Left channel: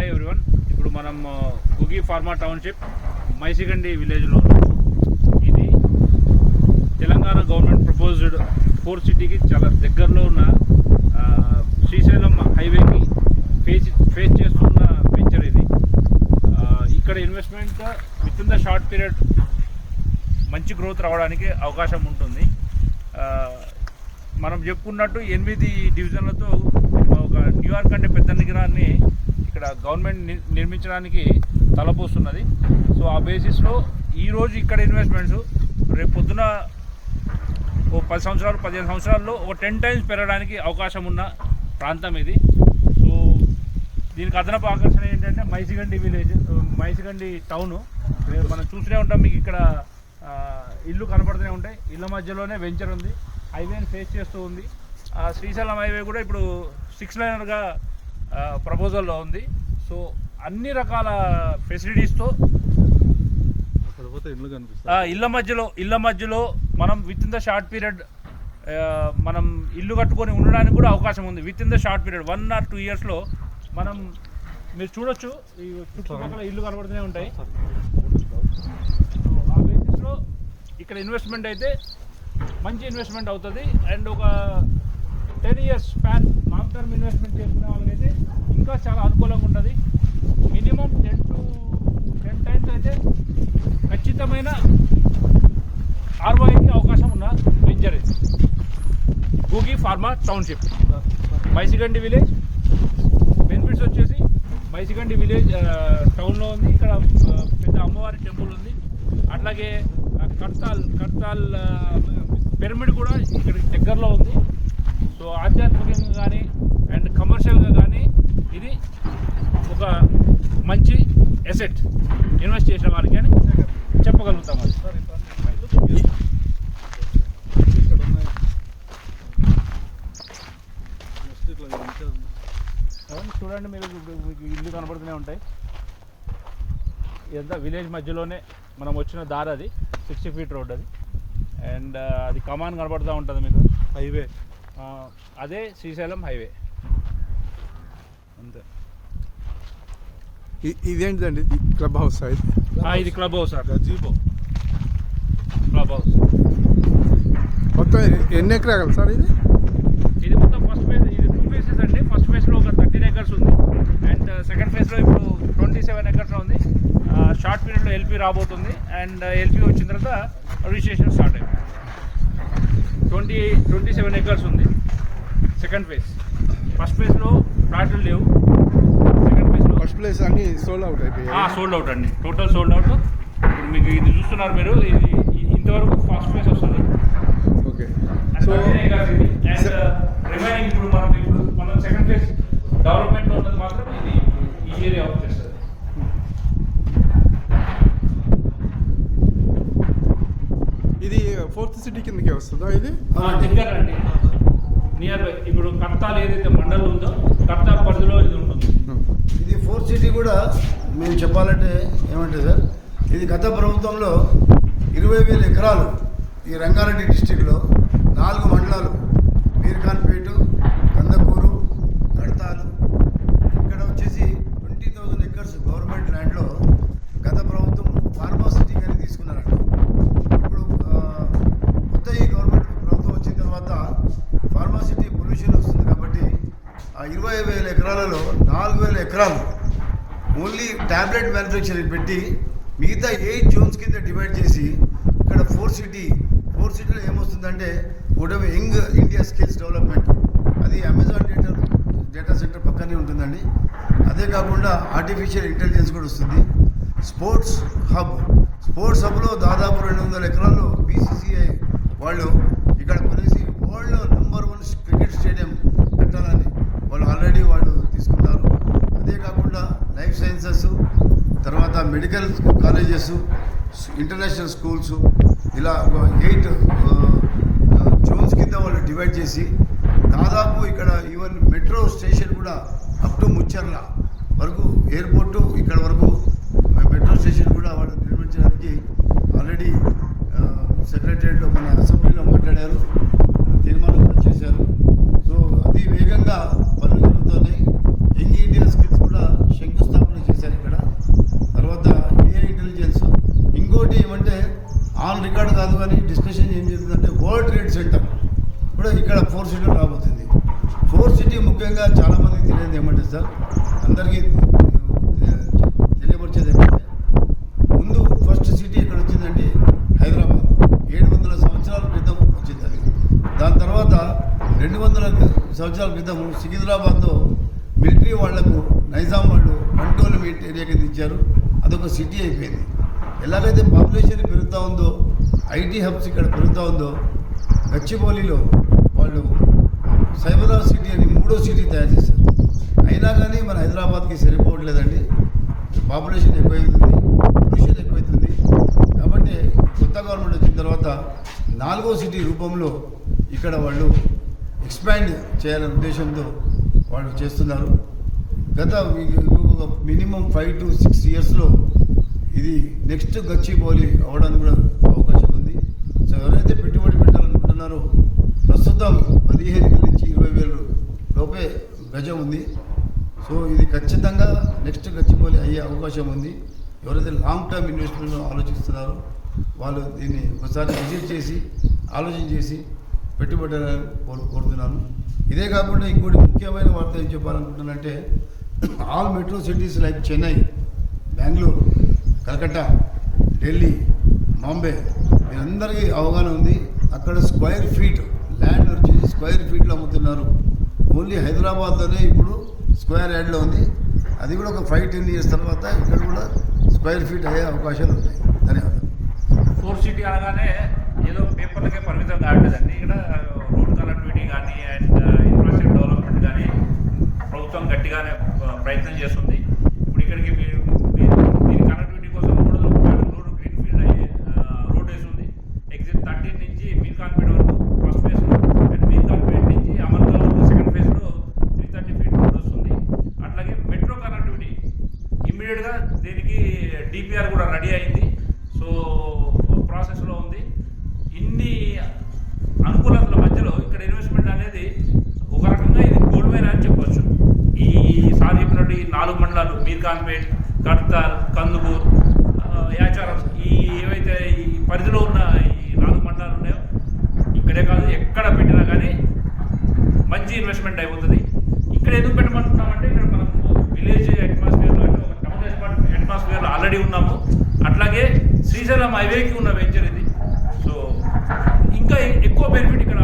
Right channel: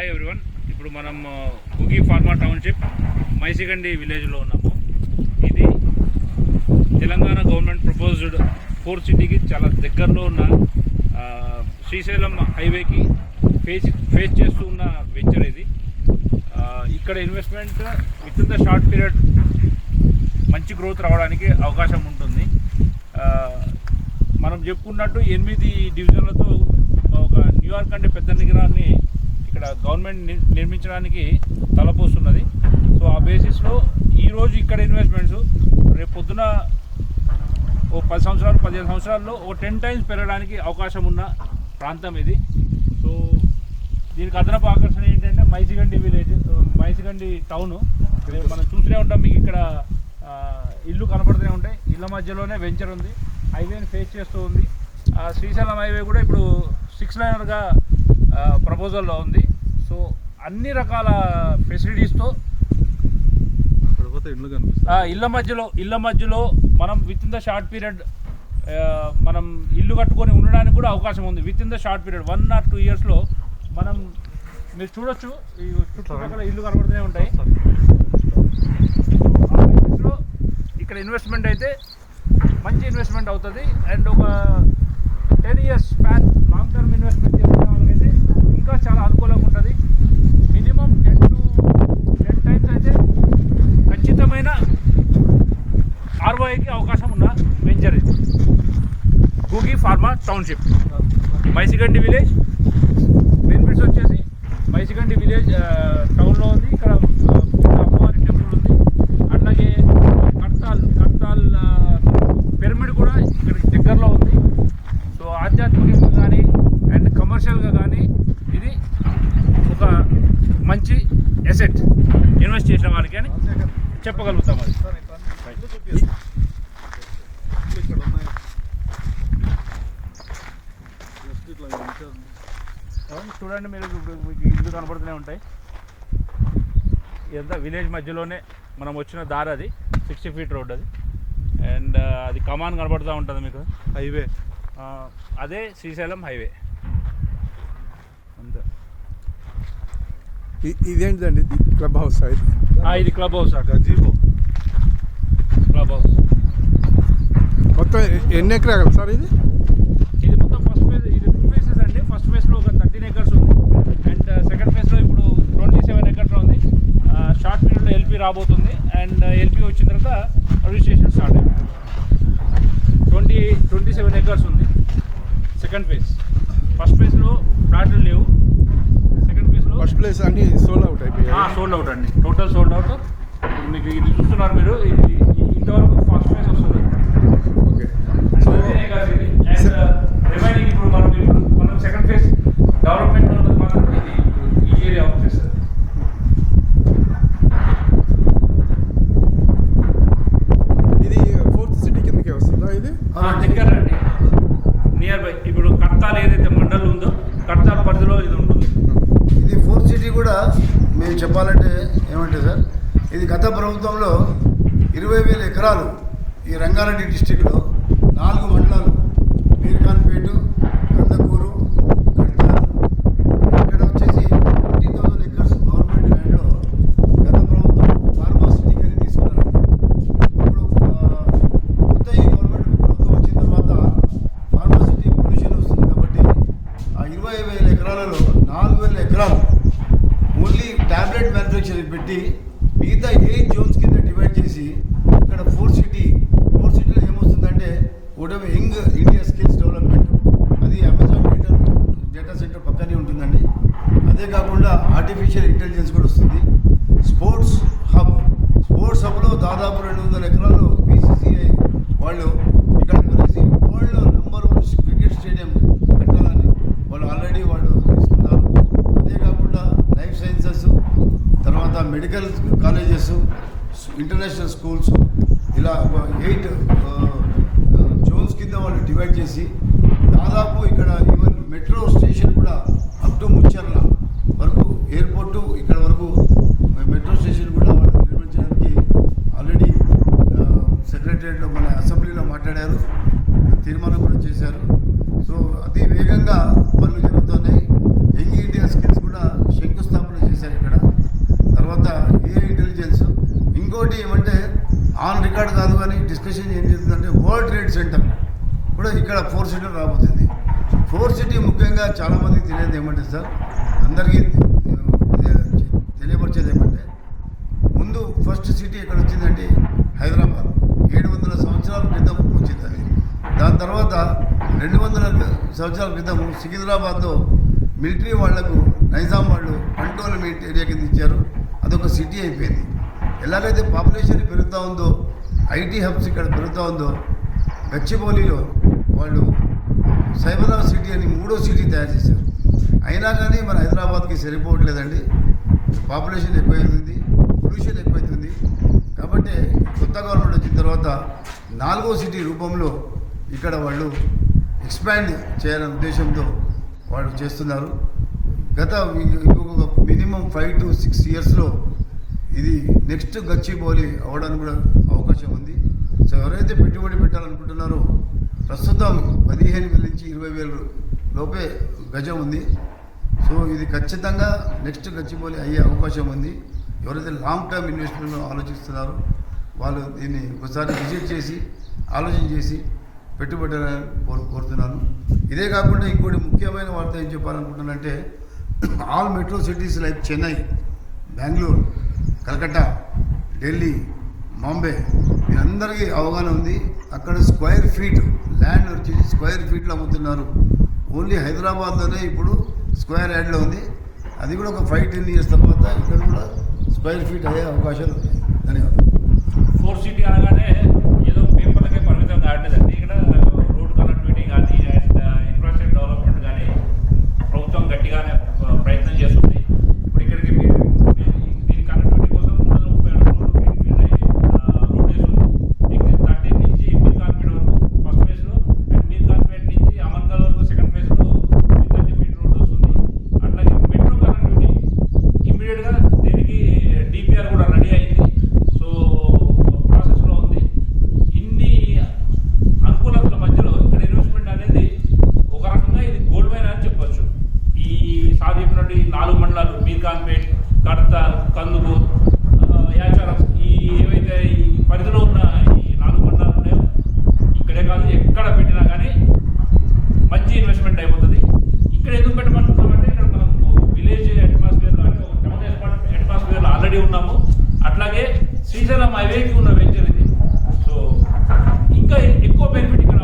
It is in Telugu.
Hi everyone. ఇప్పుడు మనం గుగి ఫార్మా టౌన్షిప్ మైసిగండి విలేజ్లో ఉన్నాము. ఇది తెలంగాణ గవర్నమెంట్ ప్రపోజ్డ్ 4 సిటీకి చాలా దగ్గరలో ఉన్న శ్రీశైలం హైవేకి ఫేస్ చేస్తున్న వెంచర్ ఇది. ఇక్కడ investment with in the short period మంచి గ్రోత్ రావడానికి అవకాశం ఉంటుంది. మనం చెప్పుకున్నట్టు 8 డివిజన్లతో ఒక న్యూయార్క్ అంటే పెద్ద నగరాన్ని ఇక్కడ గవర్నమెంట్ నిర్మించడానికి తలపోస్తున్నది. సో ఆ బేసిస్లో ఈరోజు ఇక్కడ ఇన్వెస్ట్మెంట్స్ రేపు పొద్దున ఓ 10 సంవత్సరాలు 15 సంవత్సరాల్లో ఒక 10 టైమ్స్ పెరగడానికి అవకాశం ఉన్న ప్రాంతం ఇది. సో దీనికి అదనపు ఆకర్షణ ఏంటంటే మైసిగండి విలేజ్, మైసిగండి టౌను. మనం చూస్తూనే ఉంటాం, మీకు ఇక్కడ ఇల్లు కనపడుతూనే ఉంటాయి. ఇళ్ళ మధ్యలోనే వెంచర్ ఉంది, హైవేని ఫేస్ చేస్తూ ఉంది. శ్రీశైలం హైవే కూడా ఇప్పుడు 6 లైనర్గా ప్రపోజల్లో ఉంది. సో అన్ని రకాల ఫెసిలిటీస్తో ఇళ్ళ మధ్యలో మనం with in the short period మనం ఇల్లు కట్టుకొని ఉండడానికి కూడా అవకాశం ఉంది. With in the short period 1 or 2 ఇయర్స్లో మనం మీరు చూడొచ్చు, ఈ చుట్టుపక్కల ఇల్లు కనబడుతూనే ఉంటాయి. ఆ బేసిస్లో ఇక్కడ ఇన్వెస్ట్మెంట్ అయితే మంచి ఇన్వెస్ట్మెంట్ అవుతుంది. అండ్ ఒక 10 years span long term investment చేసుకునే వాళ్ళకైతే ఇంకా చాలా అనుకూలంగా ఉంటుంది. మినిమం 10 times అయితే ఖచ్చితమైన ROIకి అవకాశం ఉన్న వెంచర్ ఇది గుగి pharma township Maisigandi village. Benefits వచ్చేసి మైసిగండి విలేజ్ టౌన్లో ఉంది. ఇక్కడ అమ్మవారి టెంపుల్ ఉంది. అట్లాగే కర్తాల్ పిరమిడ్ కూడా ఇక్కడ దగ్గరలో ఉంది. సో ఆధ్యాత్మికంగా కానీ అండ్ కమర్షియల్గా కానీ ఇది ఒక మంచి ఎసెట్ ఇన్వెస్ట్ చేసిన వారికి అని చెప్పగలుగుతాం. అది చూడండి, మీరు మీకు ఇల్లు కనబడుతూనే ఉంటాయి. ఇదంతా విలేజ్ మధ్యలోనే మనం వచ్చిన దారి. అది 60 feet రోడ్ అది. అండ్ అది కమాన్ కనబడుతూ ఉంటుంది మీకు, హైవే. అదే శ్రీశైలం హైవే. అంతే. ఇదేంటిదండి? ఇది క్లబ్ హౌస్? ఇది క్లబ్ హౌస్. క్లబ్ హౌస్ మొత్తం ఎన్ని ఎకరాలు సార్ ఇది? ఇది మొత్తం ఫస్ట్ ఫేజ్, ఇది 2 phases అండి. ఫస్ట్ ఫేజ్లో ఒక 13 acres ఉంది. అండ్ సెకండ్ ఫేజ్లో ఇప్పుడు 27 acres ఉంది. షార్ట్ పీరియడ్లో LP రాబోతుంది. అండ్ LP వచ్చిన తర్వాత రిజిస్ట్రేషన్ స్టార్ట్ అయింది. 27 acres ఉంది సెకండ్ ఫేజ్. ఫస్ట్ ఫేజ్లో ఫ్లాట్లు లేవు. సెకండ్ ఫేజ్లో ఫస్ట్ ప్లేస్ అన్ని సోల్డ్ అవుట్ అయిపోయాయి. సోల్డ్ అవుట్ అండి, టోటల్ సోల్డ్ అవుట్. ఇప్పుడు మీకు ఇది చూస్తున్నారు మీరు, ఇంతవరకు ఫస్ట్ ఫేజ్ వస్తుంది. ఓకే. సో రిమైనింగ్ ఇప్పుడు మనం సెకండ్ ఫేజ్ డెవలప్మెంట్లో ఉన్నది మాత్రం ఇది ఈ ఏరియా వచ్చేస్తుంది. ఇది 4th సిటీ కిందకే వస్తుందా? ఇది దగ్గర అండి, నియర్ బై. ఇప్పుడు కర్తాల్ ఏదైతే మండలం ఉందో కర్తాల్ పరిధిలో ఇది ఉంటుంది. ఇది 4th సిటీ కూడా మేము చెప్పాలంటే ఏమంటే సార్, ఇది గత ప్రభుత్వంలో 20,000 ఎకరాలు ఈ రంగారెడ్డి డిస్టిక్లో 4 మండలాలు మీర్ఖాన్పేట, కందకూరు, కడతాల్, ఇక్కడ వచ్చేసి 20,000 acres గవర్నమెంట్ ల్యాండ్లో గత ప్రభుత్వం ఫార్మా సిటీ కానీ తీసుకున్నారండి. ఇప్పుడు కొత్త ఈ గవర్నమెంట్ ప్రభుత్వం వచ్చిన తర్వాత ఫార్మా సిటీ పొల్యూషన్ వస్తుంది కాబట్టి ఆ 20,000 ఎకరాలలో 4,000 ఎకరాలు ఓన్లీ ట్యాబ్లెట్ మ్యానుఫ్యాక్చరింగ్ పెట్టి మిగతా 8 zones కింద డివైడ్ చేసి ఇక్కడ 4th సిటీలో ఏమొస్తుందంటే ఒకటి యంగ్ ఇండియా స్కిల్స్ డెవలప్మెంట్, అది అమెజాన్ డేటా సెంటర్ పక్కనే ఉంటుందండి. అదే కాకుండా ఆర్టిఫిషియల్ ఇంటెలిజెన్స్ కూడా వస్తుంది. స్పోర్ట్స్ హబ్లో దాదాపు 200 ఎకరాలు BCCI వాళ్ళు ఇక్కడ కొనేసి వరల్డ్లో నెంబర్ 1 క్రికెట్ స్టేడియం కట్టాలని ఆల్రెడీ వాళ్ళు తీసుకున్నారు. అదే కాకుండా లైఫ్ సైన్సెస్, తర్వాత మెడికల్ కాలేజెస్, ఇంటర్నేషనల్ స్కూల్స్, ఇలా 8 zones కింద వాళ్ళు డివైడ్ చేసి దాదాపు ఇక్కడ ఈవెన్ మెట్రో స్టేషన్ కూడా అప్ టు ముచ్చర్ల వరకు, ఎయిర్పోర్టు ఇక్కడ వరకు మెట్రో స్టేషన్ కూడా వాళ్ళు నిర్మించడానికి ఆల్రెడీ సెక్రటరియట్లో మన అసెంబ్లీలో మాట్లాడారు, తీర్మానం కూడా చేశారు. సో అతి వేగంగా పనులు జరుగుతున్నాయి. యంగ్ ఇండియా స్కిల్స్ కూడా శంకుస్థాపన ఇంకోటి ఏమంటే ఆన్ రికార్డ్ కాదు కానీ డిస్కషన్ ఏం జరుగుతుందంటే వరల్డ్ ట్రేడ్ సెంటర్ కూడా ఇక్కడ 4 సిటీలు రాబోతుంది. 4 సిటీ ముఖ్యంగా చాలామందికి తెలియదు ఏమంటే సార్, అందరికీ తెలియపరిచేది ఏమంటే ముందు ఫస్ట్ సిటీ ఎక్కడ వచ్చిందంటే హైదరాబాద్. 700 సంవత్సరాల క్రితం వచ్చింది అది. దాని తర్వాత 200 సంవత్సరాల క్రితం సికింద్రాబాద్లో మిలిటరీ వాళ్లకు నైజాం వాళ్ళు కంట్రోల్మెంట్ ఏరియా కింద ఇచ్చారు. అదొక సిటీ అయిపోయింది. ఎలాగైతే పాపులేషన్ పెరుగుతూ ఉందో, ఐటీ హబ్స్ ఇక్కడ పెరుగుతూ ఉందో, గచ్చిబౌలిలో వాళ్ళు సైబరాబాద్ సిటీ అని 3వ సిటీ తయారు చేశారు. అయినా కానీ మన హైదరాబాద్కి సరిపోవట్లేదండి. Population ఎక్కువైతుంది, pollution ఎక్కువైతుంది. కాబట్టి కొత్త గవర్నమెంట్ వచ్చిన తర్వాత 4వ సిటీ రూపంలో ఇక్కడ వాళ్ళు ఎక్స్పాండ్ చేయాలనే ఉద్దేశంతో వాళ్ళు చేస్తున్నారు. గత మినిమం 5 to 6 ఇయర్స్లో ఇది నెక్స్ట్ గచ్చిబౌలి అవ్వడానికి కూడా అవకాశం ఉంది. సో ఎవరైతే పెట్టుబడి పెట్టాలనుకుంటున్నారో ప్రస్తుతం 15,000 నుంచి 20,000 లోపే గజం ఉంది. సో ఇది ఖచ్చితంగా నెక్స్ట్ గచ్చిబౌలి అయ్యే అవకాశం ఉంది. ఎవరైతే లాంగ్ టర్మ్ ఇన్వెస్ట్మెంట్ ఆలోచిస్తున్నారో వాళ్ళు దీన్ని ఒకసారి విజిట్ చేసి ఆలోచన చేసి పెట్టుబడాలని కోరుతున్నాను. ఇదే కాకుండా ఇంకోటి ముఖ్యమైన వార్త ఏం చెప్పాలనుకుంటున్నానంటే all metro cities like Chennai, Bengaluru, Calcutta, Delhi, Bombay వీరందరికీ అవగాహన ఉంది. అక్కడ స్క్వేర్ ఫీట్ ల్యాండ్ వచ్చేసి స్క్వేర్ ఫీట్లో అమ్ముతున్నారు. ఓన్లీ హైదరాబాద్లోనే ఇప్పుడు స్క్వేర్ యార్డ్లో ఉంది. అది కూడా ఒక 5-10 ఇయర్స్ తర్వాత ఇక్కడ కూడా స్క్వేర్ ఫీట్ అయ్యే అవకాశాలు ఉన్నాయి. ధన్యవాదాలు. 4 సిటీ అనగానే ఏదో పేపర్లకే పరిమితం కావట్లేదండి. ఇక్కడ రోడ్ కనెక్టివిటీ కానీ అండ్ ఇన్ఫ్రాస్ట్రక్చర్ డెవలప్మెంట్ కానీ ప్రభుత్వం గట్టిగానే ప్రయత్నం చేస్తుంది. ఇప్పుడు ఇక్కడికి దీని కనెక్టివిటీ కోసం 330 రోడ్డు గ్రీన్ఫీల్డ్ అయ్యే రోడ్ వేస్తుంది. ఎగ్జిట్ 13 నుంచి మీర్ఖాన్పేట వరకు ఫస్ట్ ఫేజ్లో అండ్ మీర్ఖాన్పేట నుంచి అమర్గాల్ వరకు సెకండ్ ఫేజ్లో 330 ఫీట్ రోడ్ వస్తుంది. అట్లాగే మెట్రో కనెక్టివిటీ ఇమ్మీడియట్గా దీనికి డిపిఆర్ కూడా రెడీ అయింది. సో ప్రాసెస్లో ఉంది. ఇన్ని అనుకూలతల మధ్యలో ఇక్కడ ఇన్వెస్ట్మెంట్ అనేది ఒక రకంగా ఇది గోల్డ్ మైన్ అని చెప్పొచ్చు. ఈ సార్ చెప్పినట్టు ఈ 4 మండలాలు మీర్ఖాన్పేట్, కడ్తాల్, కందుకూర్, యాచారం ఈ ఏవైతే ఈ పరిధిలో ఉన్న ఈ 4 మండలాలు ఉన్నాయో ఇక్కడే కాదు ఎక్కడ పెట్టినా కానీ మంచి ఇన్వెస్ట్మెంట్ అయిపోతుంది. ఇక్కడ ఎందుకు పెట్టమంటున్నామంటే ఇక్కడ మనం విలేజ్ అట్మాస్ఫియర్లో అంటే ఒక టౌన్ అట్మాస్ఫియర్లో ఆల్రెడీ ఉన్నాము. అట్లాగే శ్రీశైలం హైవేకి ఉన్న వెంచర్ ఇది. సో ఇంకా ఎక్కువ బెనిఫిట్ ఇక్కడ